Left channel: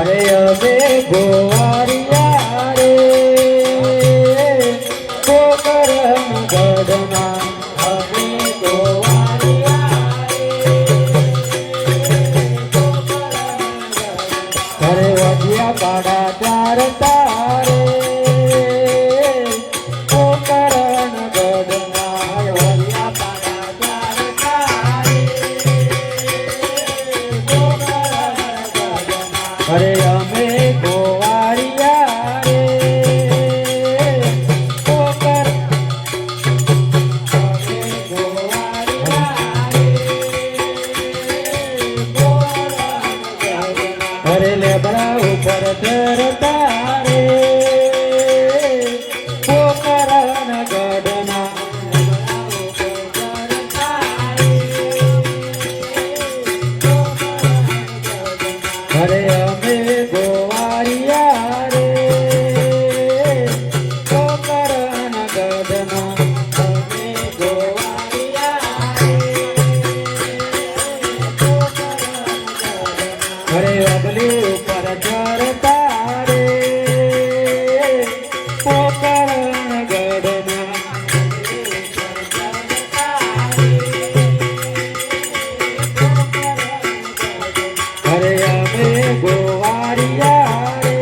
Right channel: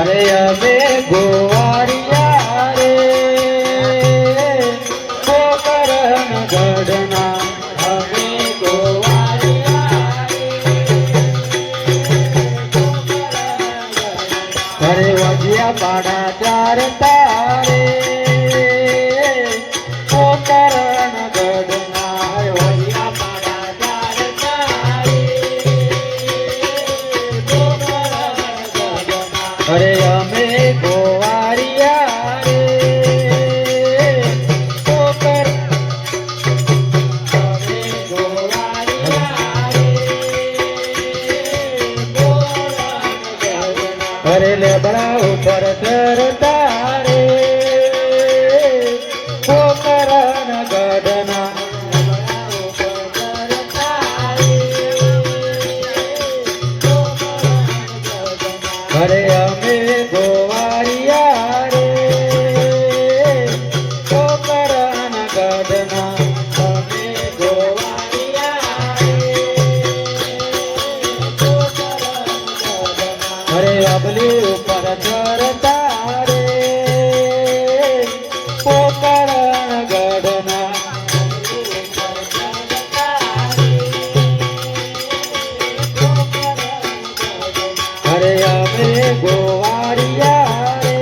અરે અમે ગોવાળિયા રે ગોકરણ ગઢના અમે ગોવાળિયા રે અરે વજિયા પાડા ત્યાર તારે ગોકરણ ગઢના વજિયા પાડા ત્યાર તારે અરે અમે ગોવાળિયા રે ગોકર અમે ગોવાળિયા રે અરે લેબડા ઉપર ચરતા રે ગોકરણ ગઢના અરે અમે ગોવાળિયા રે ગોકરણ ગઢના અમે ગોવાળિયા અરે અગલી ઉપર ચરતા રે ગોકરણ ગઢના અરે અમે ગોવાળિયા રે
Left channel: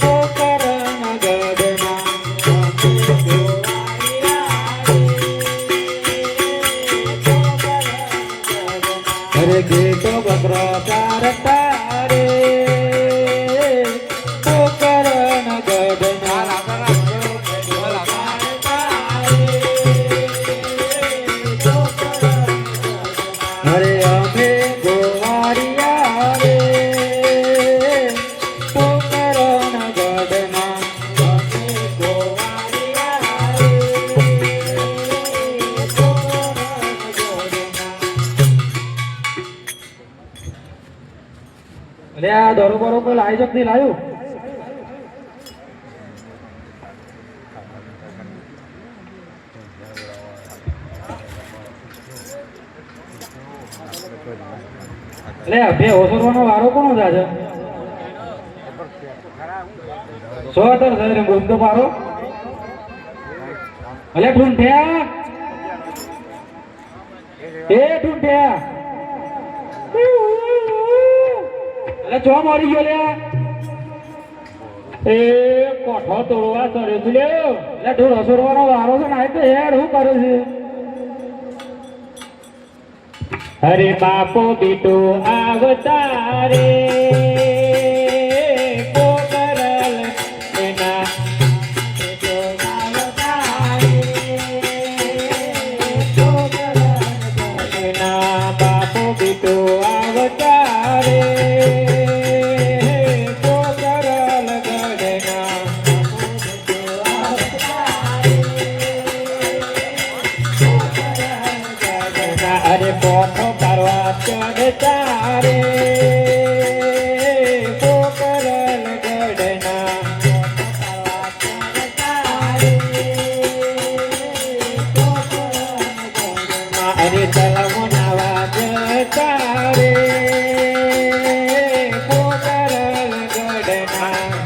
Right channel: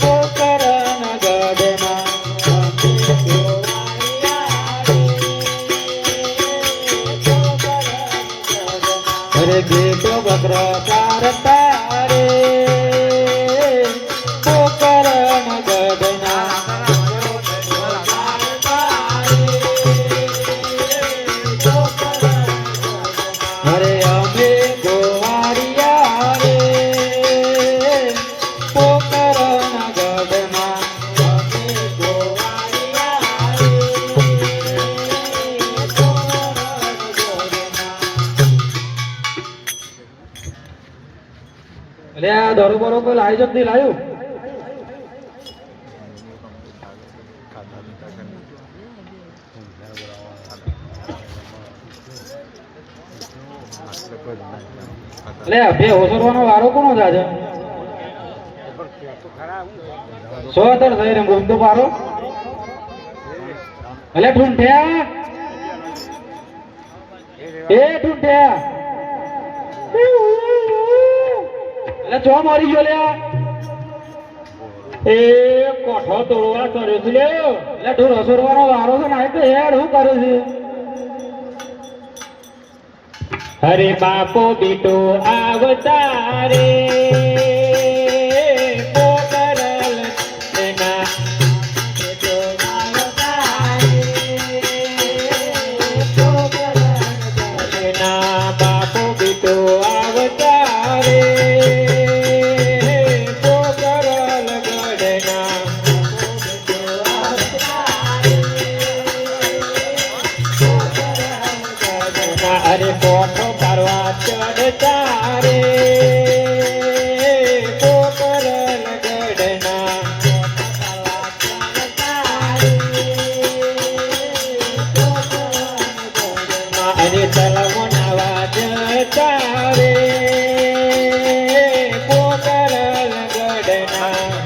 ગોકરણ ગઢના અરે ગેટો ગગરા ચારતા રે ગોકરણ ગઢના અરે અમે ગોવાળિયા રે ગોકરણ ગઢના અમે ગોવાળિયા રે અરે આ દોરો બરો તો લાવી જ નથી લાવ્યું અરે બે ઓસરવાનો વારો કોનો જાજો સો તર થઈ રે બોલ તો પારો અલે ઠુંઠ્યા એ ઠુંઠ્યા અલે ચો મરી ગયો લે એ કોઠો તોડવા કર્યો છે લે એટલે ઢોર હસોરવાનો વારો છે ને આ તો યાર હું કરું છું હરે બાપો બીટો આવતારે ગોકરણ એના બીટો આવતારે ગોકરણ એના બાપો બીટો આવતારે ગોકરણ ગઢના અરે કોઠો પરવા ચડતા રે ગોકરણ ગઢના અરે તલમુના વાજતા રે ગોકરણ ગઢના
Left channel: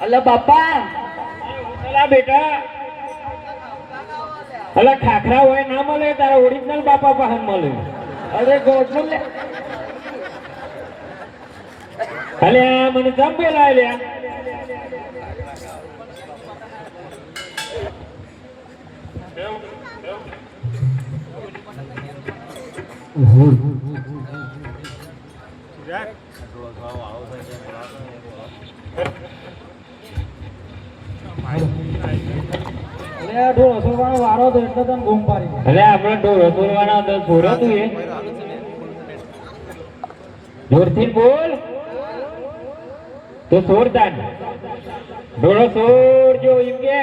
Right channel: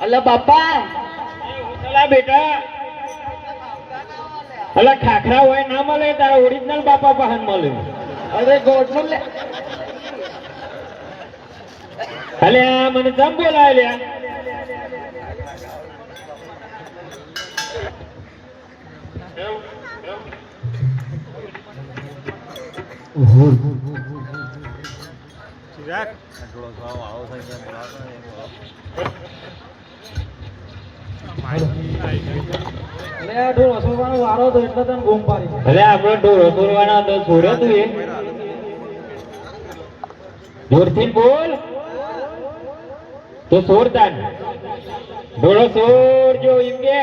અલે બાપા અલા બેટા અલા ખાખરા હોય ના મળે તારા ઓરિજિનલ બાપા પાહન મળે અરે ગોઠ લે અલે આ મને જમ બોલાય લ્યા ઢોર હસોરવાનો વારો તો એટલે તને ઘૂમ પાડી એટલે આપણે ઢોર હસોરવાના તો છોડો તું એ જોરથી બોલ તો સોરતા ઢોરો સોરજો એમ કે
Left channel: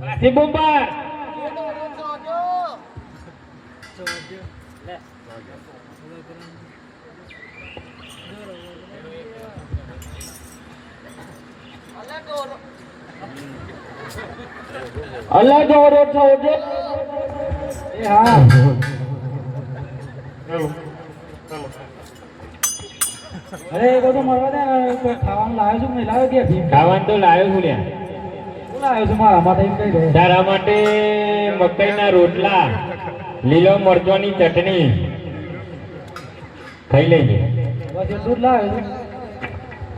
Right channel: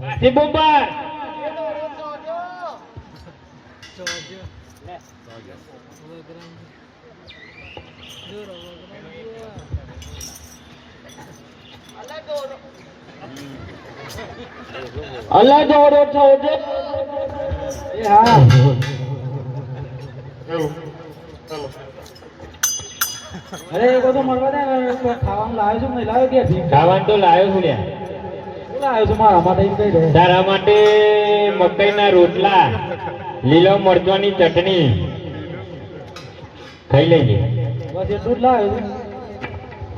પાછી બોમ્બાર Jojo. અલ્લા જો રે છો જે એ હા અરે એ બધું મળવા દે ખાવાનું લાવ્યો છું નહીં લાવ્યો કે ખાવાનું તો લાવ્યો છું લ્યા શું લાવ્યો છું મારા માટે કઈ દે તારા માટે મકાઈના રોટલા લીલો મરચાંની ચટણી ખાઈ લેજે બસ એટલું જ લાવ્યો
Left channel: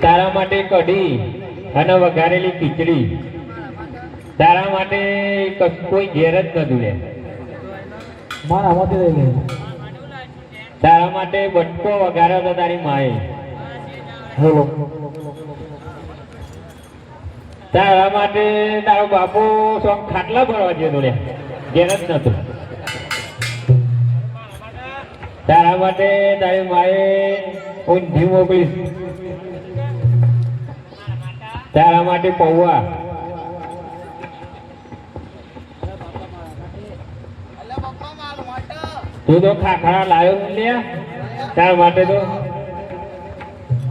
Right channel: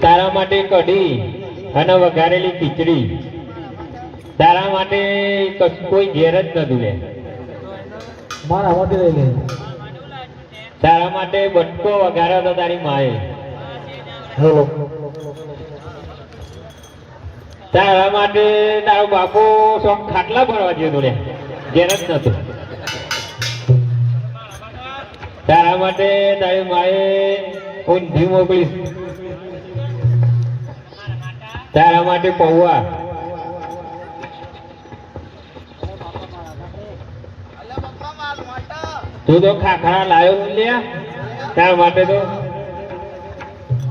તારા માટે કઢી અને વઘારેલી ખીચડી તારા માટે કોઈ ઘેર જ નતું લે મારા માટે લઈ લે તારા માટે બટકો વઘાર્યો હતો તારી માએ હેલો તારા માટે તારો બાપુ ખાટલા ભરવા ગયો લે ઘેર જ નતું તારા માટે તારી માએ ઊંધી મોકલી તારા માટે પૌવા તું તો ખાખરા લાવ્યો લ્યા તારા માટે તો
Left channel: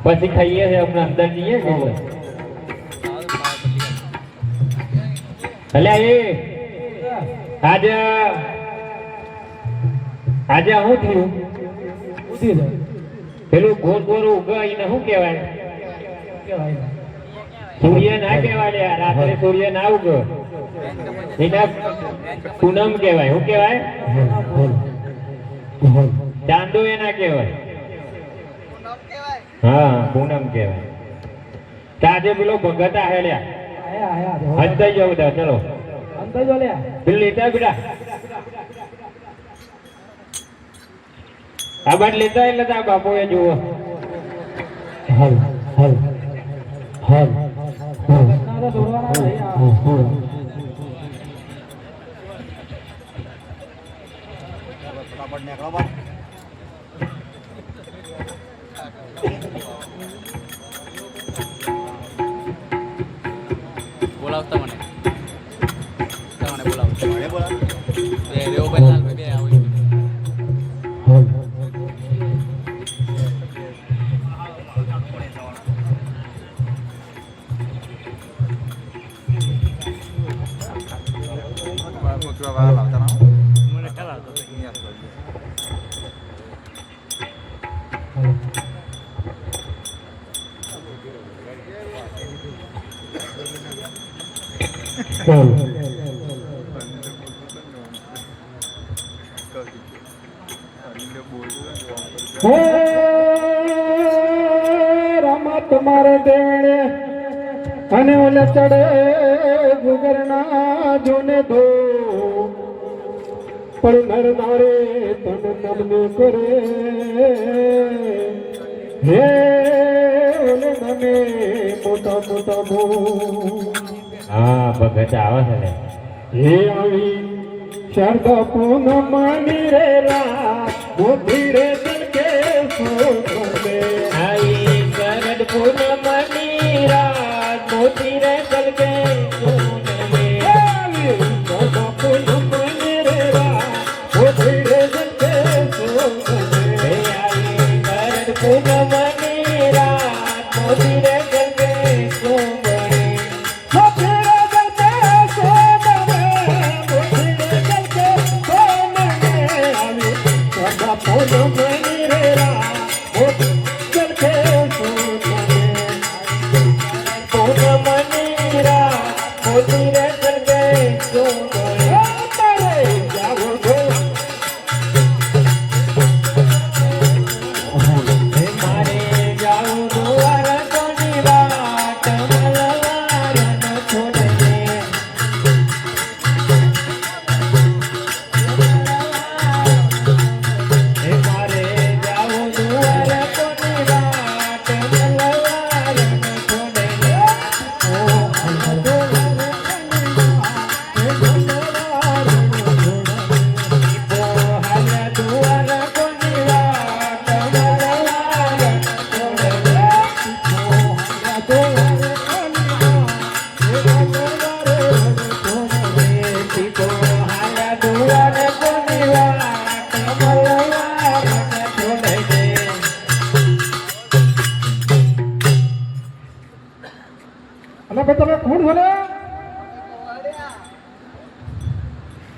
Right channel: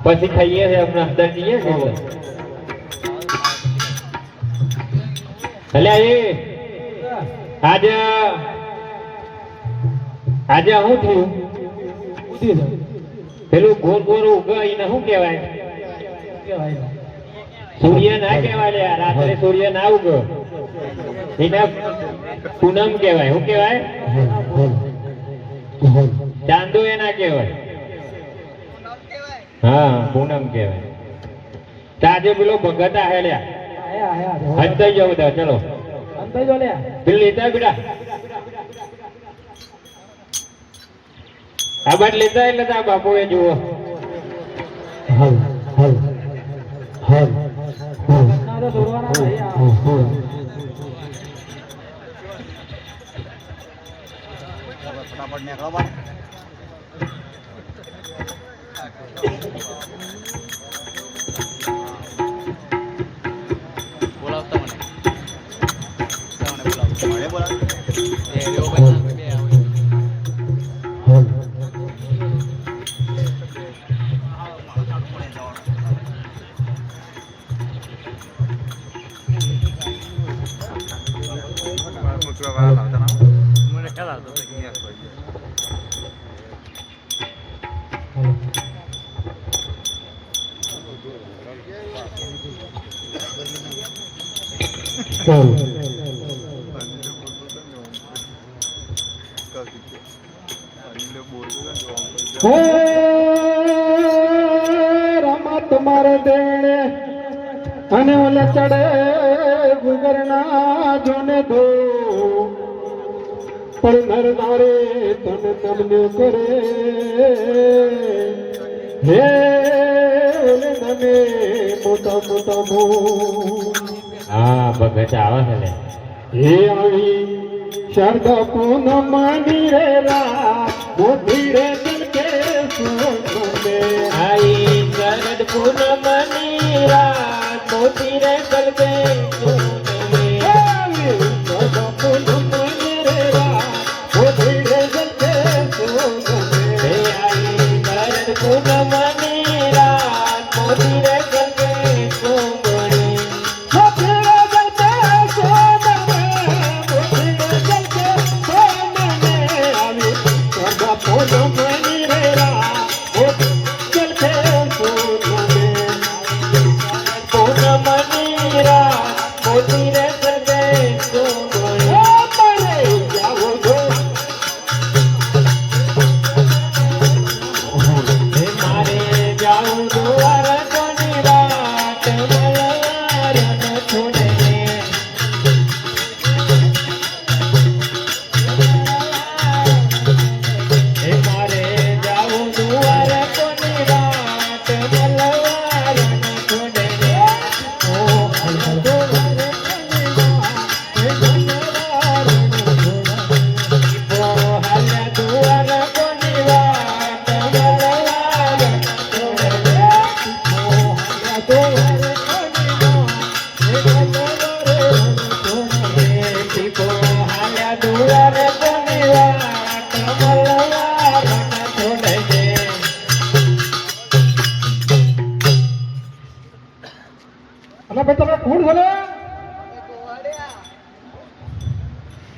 પછી ખાઈએ છે અમને અંદર જઈએ છે અલ્યા એ આજે શું થયું પેલું ગોર ગોર ઉગે એને શું કહેવાય સૂર્ય ના કહેવાય લ્યા રાત્રે સૂર્ય ના ઉગે એને પૂનમ કહેવાય શું કહેવાય ચાંદો એ ના કહેવાય હા પૂનમ કહેવાય આજે પેલો ભગત આહે લ્યા અંતાઈ જાવ બધા ચલો અંતાઈ જાવ લ્યા પેલું લેતા બેટા આ બાદ લેતા એટલે તા બાપુ એ જુઓ હલ હલ હલ રમત મારે દેણે અને ઓલે ચડે ગુગરના જોને દો પણ નર નારે તન તન કરે હે મને મોટા મોટા ભો હા ભગત આવે છે ને હે આવી શરદ પૂનમ નીરેલા મોતી રે દિલ કે સુને आई शरद पूनम नीरा मोती रे दिल के सुने शरद पूनम नीरा मोती रे दिल के सुने आई शरद पूनम नीरा मोती रे दिल के सुने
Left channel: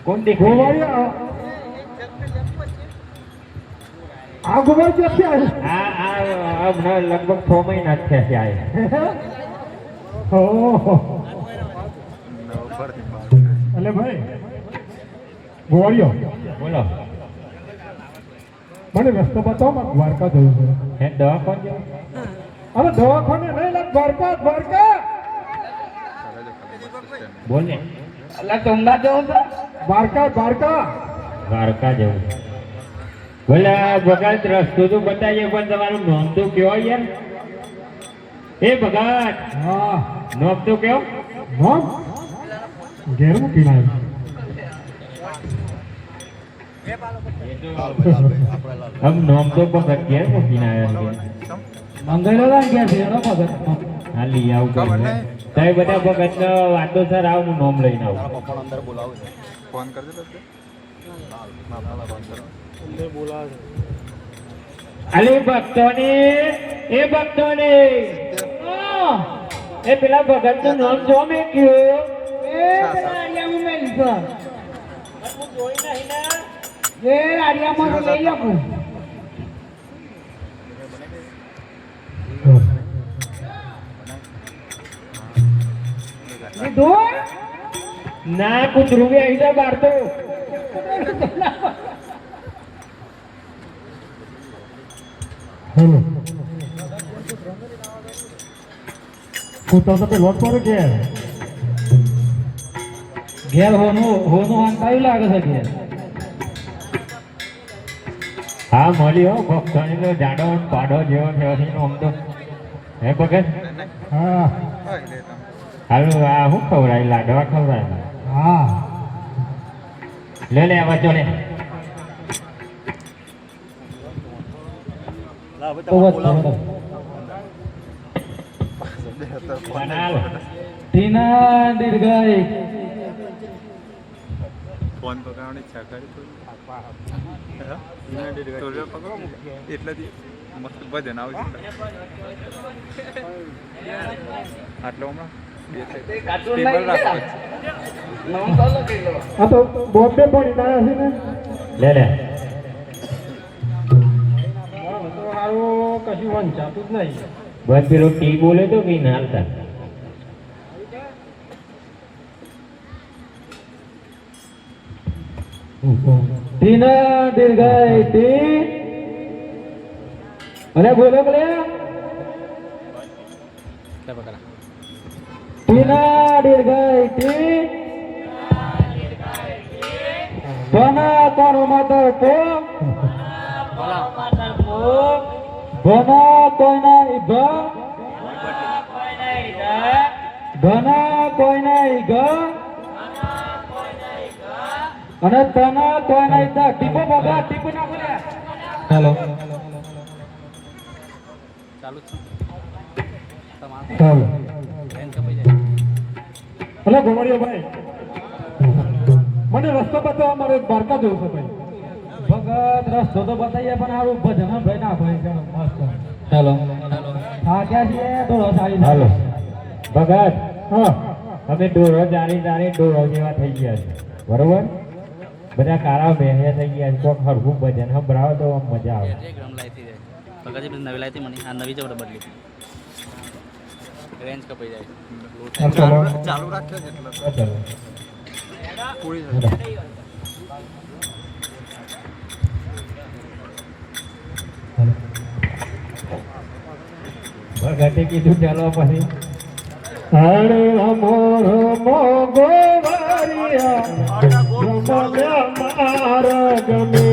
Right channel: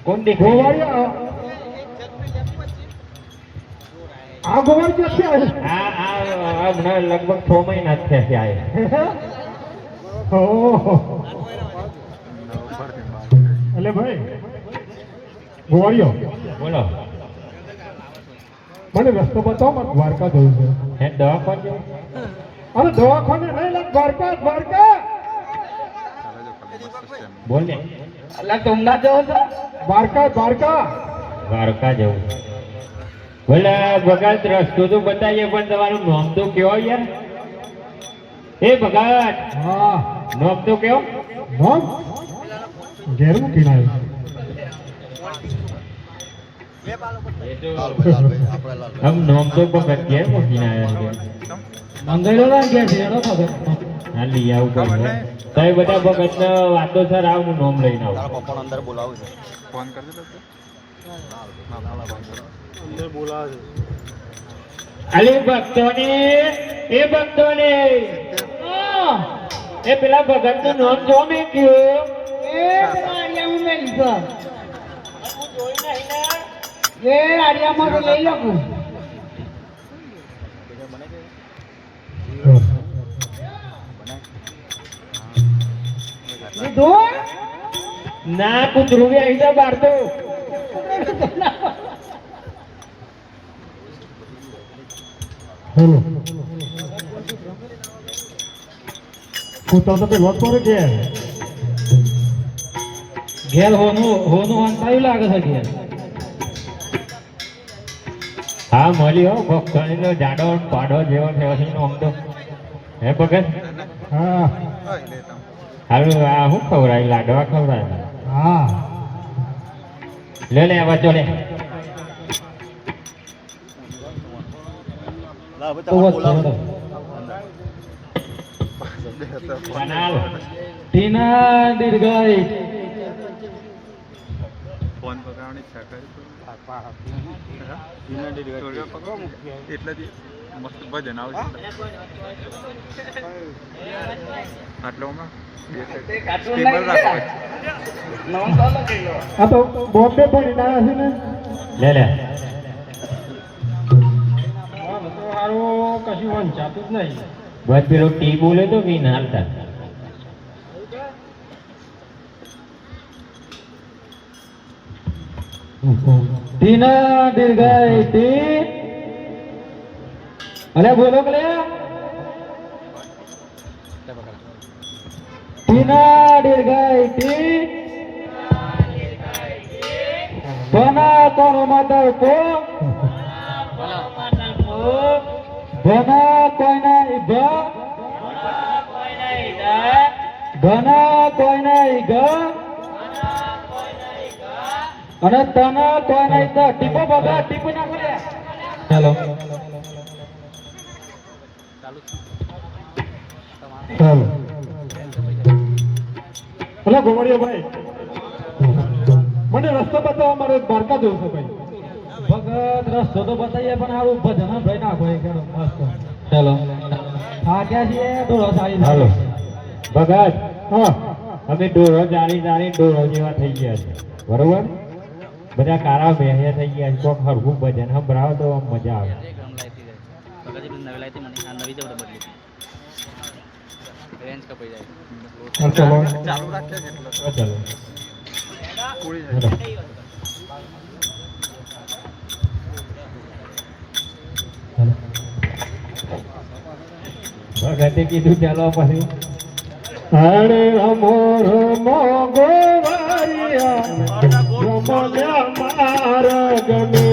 કોણ દેખાય ગોવાળિયા આ ગોવાળ ક્યાંથી આવ્યો? આ લગભગ 6 મહિના થયા છે આયા. ઓહો અલે ભાઈ ગોવાળિયો બોલો મને રસ્તો બતાવો, મારે દ્વારકા જવું છે. હે દવાખાને જવું? અરે દવાખાને નહીં લા, દ્વારકા દ્વારકા બોલ ને. અલા તમના જવો છો? દ્વારકા દ્વારકા દ્વારકા જવું. બોલે ભગત રસ્તો તો બતાવીએ પણ તમારું નામ તો કેવો યાર? એ ભગત હા નામ તો કેવો? નામ ઘેર મૂકીને આવ્યો. આમ નામ તો ભગત ઘેર મૂકીને આવ્યા છે. મંગળો ગયા છે એનો ખબર. હા લઈ આવું કોઈ તમે બધા ભગત ને વાતો સર આવ હું નામ લઈને આવું. ફોન કરજો અલી ભક્તોને એ ભક્તોને એ પેલા ભગત નું નામ જો મેં કયું એ પેલા આર્યામાં મેં લીધો હું જોઈ નહીં ને એ આર્યામાં લઈ લઉં ના કૂતરું બી આવી જાય બહાર તો હેલો કૂતરો તો પેલો પર ઘેર હોનું અંતાયું લાગે છે ઘેર. હા મળ્યો ભક્તોની તો જાડો પાડો જેવો થયો છે આમ તો હે ભગત હા હારું આ શું ખવડાય લાડવા ખવડાય હા લે લે આવા જો લે તો બસ છોડો. ટીના દીર્ઘાઈ ફોન પકડવાની ઈચ્છા કરી એટલેથી મસ્ત ભજન આવશે આટલો હમણાં આ તો બોમ્બે પડી ગયા છે ને. લે લે કશું વંચાતું જ નહીં. બસ પેલો ટી બોલે તો બી ના હાલતા ટીના દીર્ઘાઈ ટી અરે બોલો બોલે ટીના દીર્ઘાઈ ટી બના તારો માતા કો બના કોઈના ઈગા બના કોઈના ઈગા અને તના કોઈના ઈગા ટીપો બગા ટીપો ના બોલ્યા. ચાલો ચાલો હેલો ગોવાળિયા ભાઈ મને રસ્તો બતાવવા મારે દ્વારકા જવું છે ભાઈ. ભગત રસ્તો તો બતાવીએ પણ આવું ભજન ભાઈ નાખો એક મસ્ત. ચાલો હા ક્યાં છીએ ડોળો સારી હાલો ભગત હા અમે ડોરો જાણી જાણી ડોરો જેવા થઈ ગયા છે બરોબર બધા કારા બેહ્યા થઈ ગયા છે કોક હરખું ભજન સંભળાવો તો આમ મજા આવે. ચાલુ રાખે એટલે ચાલો પૂરી ભગતે કીધું ચાલો પછી હરે રમો રમો ગોવાળિયા રમો મારા ગમે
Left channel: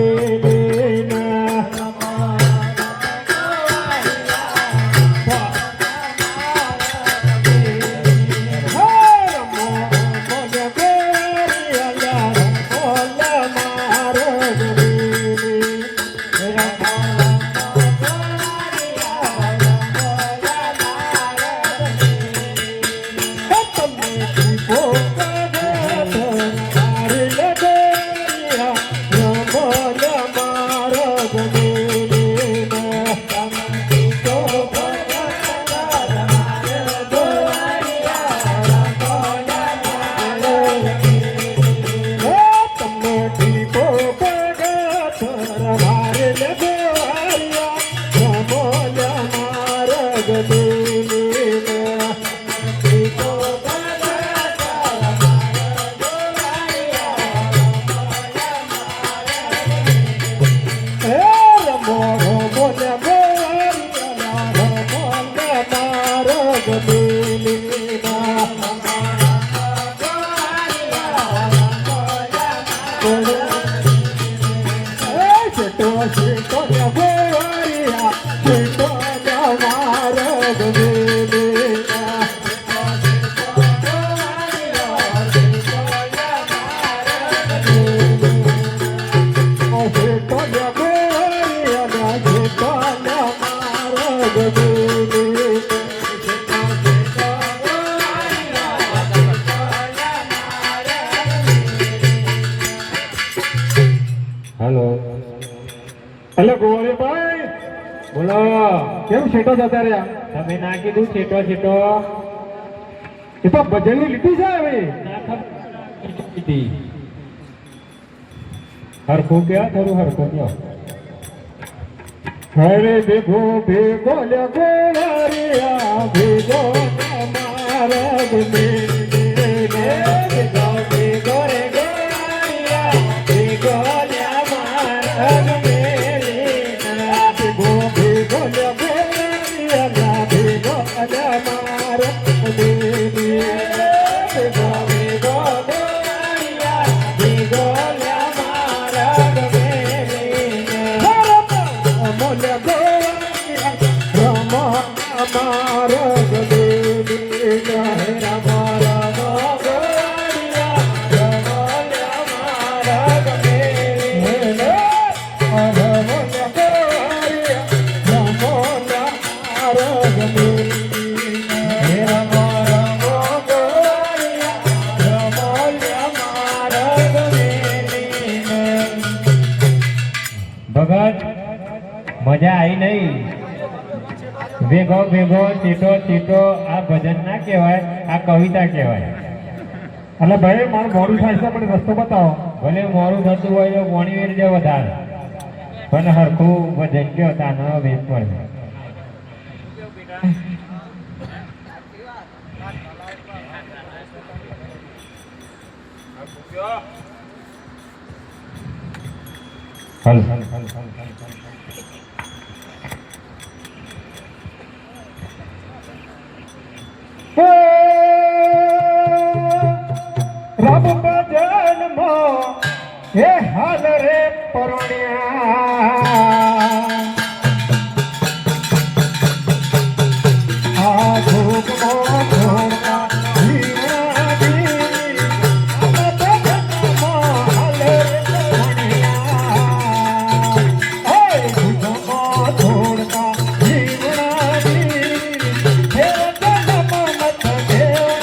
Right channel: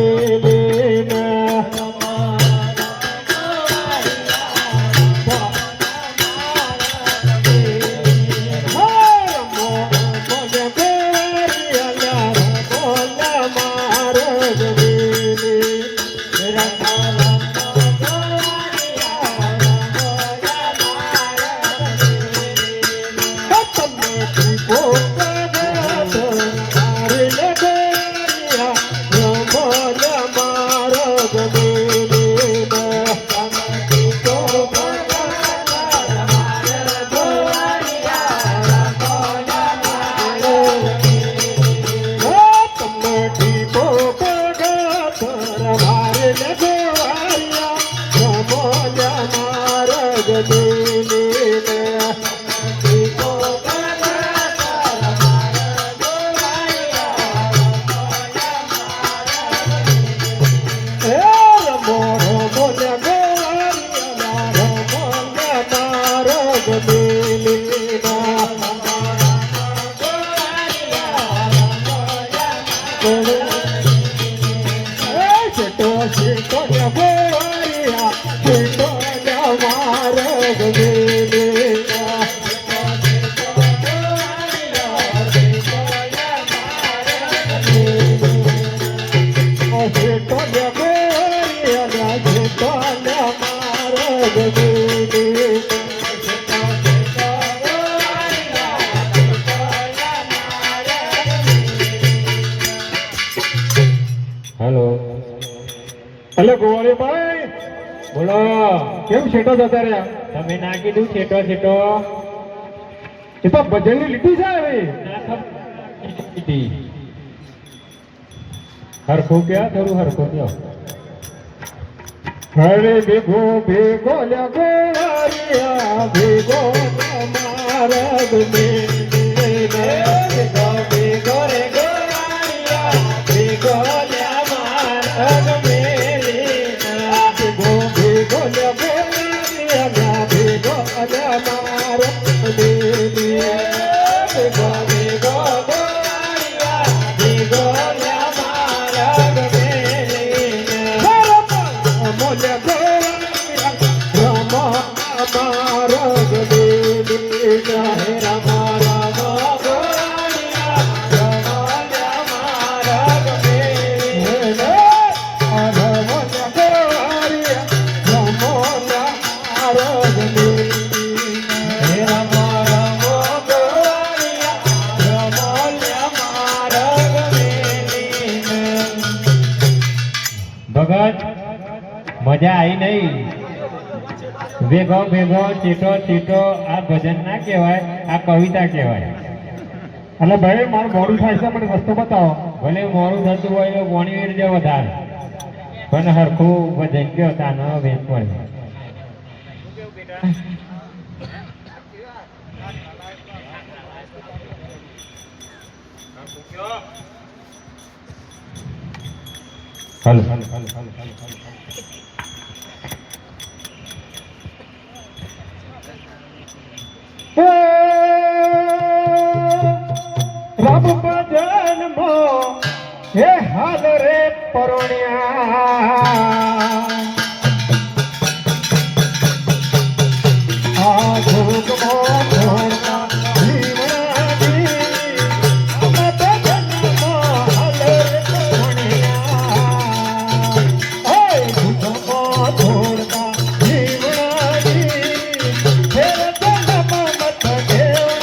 હેલો હેલો ગોવાળીભાઈ બોલો. કેમ છેટો જતા રહ્યા? તમે ના કીધું છેટો છેટો એ તો ભજનની લીટી છે હવે. ના ખબર. હરખું કયો, થોડું હરખું કયો. હરે ભેગો ભેગો લે ગોવાળિયા ભેગો તમારા ગમે ભેગો ભેગો રે ગોવાળિયા ભેગો લે મારા ગમે ભેગો ભેગો લે ગોવાળિયા ભેગો લે મારો ગમે ભેગો ભેગો ગોવાળિયા ભેગો લે મારા ગમે ભગત મજા આવી નહીં. ભેગો ભેગો ચીટો ચીટો આ ભજન ના કહેવાય, આ કવિતા કહેવાય. એટલે ભાઈ મારું મોડું થાય છે પણ રસ્તો બતાવો. ભલે મોડું થતું હોય તો પોણી વેર જે વધારે પણ હરખું ભજન કયો તાનો વેચ પડે. હલો રબ ભજન મો હે હાલ રે પરણ્યા આ ભોગ મો છોડતા જીવડી ભજન મો હાલ રે પરણ્યા હે ભોગ મો છોડતા જીવડી હે જન્મ મત દેવા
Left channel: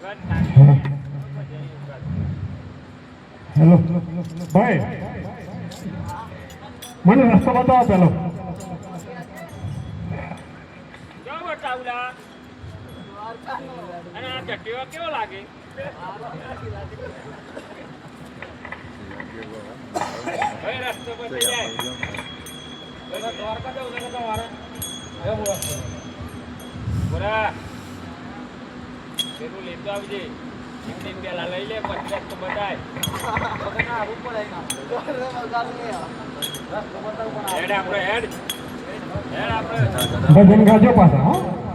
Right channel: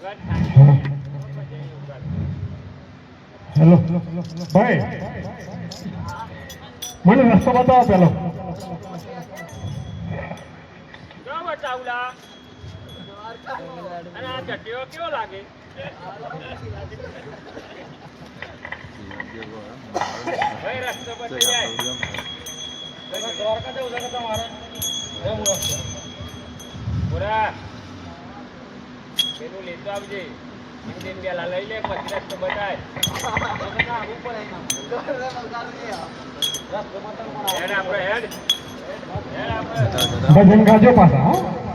હેલો ભાઈ મને રસ્તો બતાવો પેલો પેલું લેતો આવજે પેલા લઈ લે પછી રસ્તો બતાય હેડ આપણે ભજન ગાજો પાછા હા